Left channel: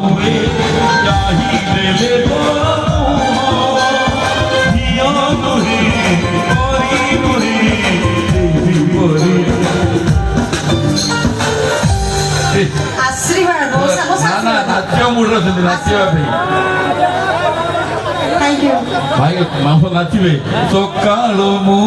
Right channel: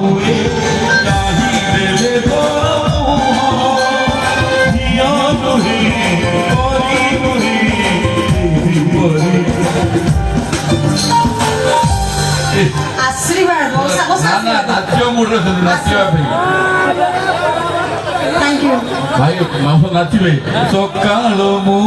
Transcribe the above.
हुए काही देले तोरा धिया नुहे परी नुहे परी आश्रीवाद नाट्य मूड रचते नाट्य थैंक यू भाई माफ नाचिबे सकाळ मु